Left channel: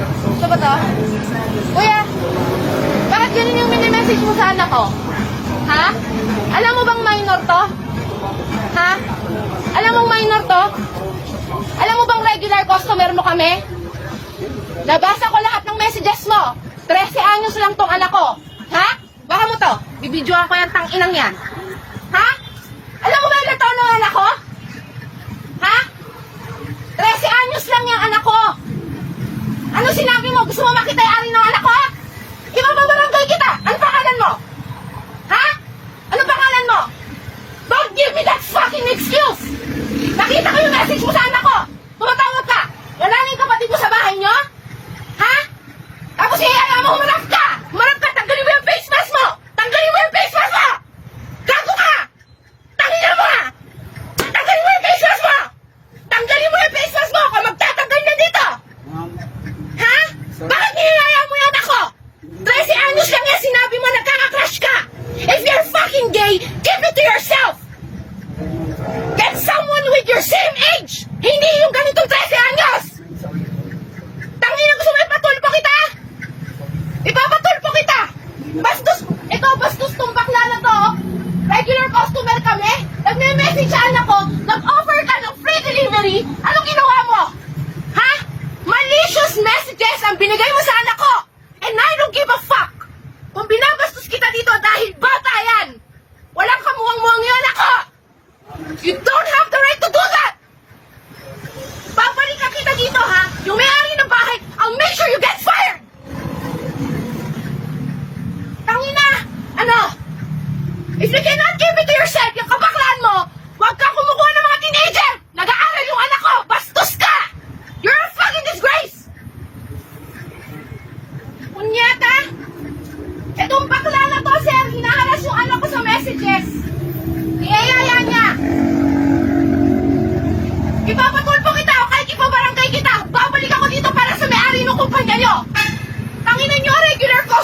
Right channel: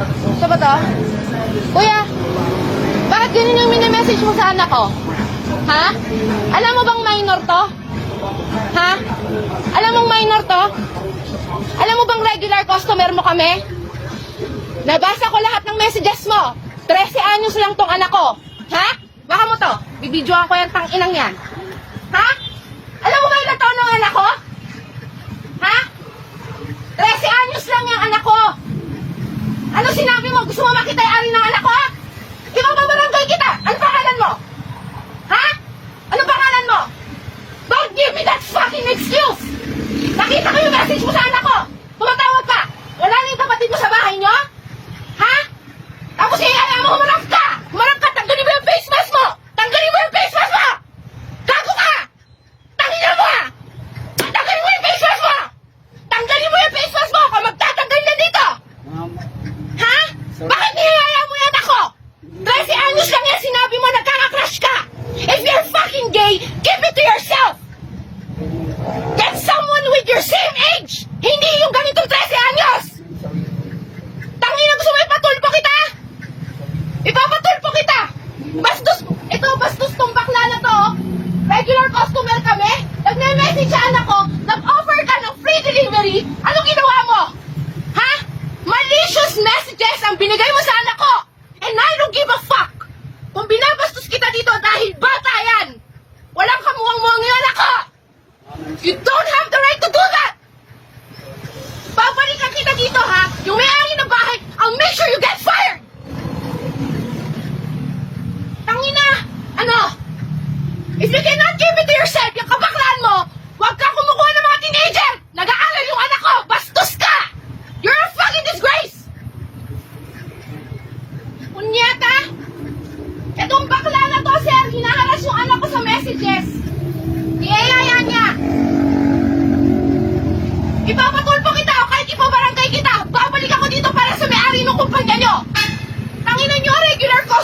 Ito ba to? Kuya, bakit ganun yung mini-message mo sa anak ko? Ha? Alam mo bang minor to? Ha? Alam mong minor to? Alam mo bang regular customer mo kami? Nabasa ko lahat ng messages mo. 13 anyos lang tong anak ko. Ha? Baka mo to, bibidyoan ko yung tang-inang yan. Ha? Alam mo ba ilang taon ng anak ko? Ha? 13 anyos lang yung anak ko. Ano sinabi mo? Gusto mo makita yung ari ng anak ko? Ipapabarangay kita. Ano pangalan mo? Ha? Ano pangalan mo? Don't give me that fucking excuse! Nakita ko yung message mo sa anak ko. Tumatawag ka. Wala na yung kapatid mo sa bahay nyo? Ha? Tapos kaya mo humarap ka! Humarap ka! Tanggalin mo yung face mask mo! Tanggalin mo yung face mask mo! Gago ka! Tanggalin mo! Tanggalin mo yung face mask mo! Tanggalin mo yung face mask mo! Kung magtatanggal na dito! Ha? Bakit niyayaya mo yan ako? 13 anyos lang yan sinabi mo nagkaka-crush ka! If you're fucking gay, keep it to yourself! Get someone with your same age! Hindi yung ganitong 13 anyos! Tangina, gusto mo ipatulpo kita? Ipapatulpo kita! Bastos! Ito, bastos tong bakla na to! Regular customer kami! Nag-message sa anak ko, nag-offer ka ng free delivery, anong ginawa mo? Ha? Malicious messages ang binigay mo sa anak ko! And I don't give a fuck! Kung binabastos kita dito dahil bata yan! Walang kamuwang-muwang yung anak ko! You don't have the right to do that! Babalikan kita dito, ha? Yung may-ari ng bahay, I'll make sure you get fired! Tangina! Ano? If you cannot give it to yourself, yung kabaklaan mo, huwag ka kumukuha ng mga teenager! Nag-aaral yung anak ko! Bastos ka! You're a fucking disgrace! Kunyata! Itong bakla na to, sir, hinaharas yung anak ko sa messages. Iyayaya niya. Ipapatulpo kita o kahit ipabarangay kita. Babalik ako dito para sa may-ari ng kumpanya nyo. Tanginan nyo, regular ko.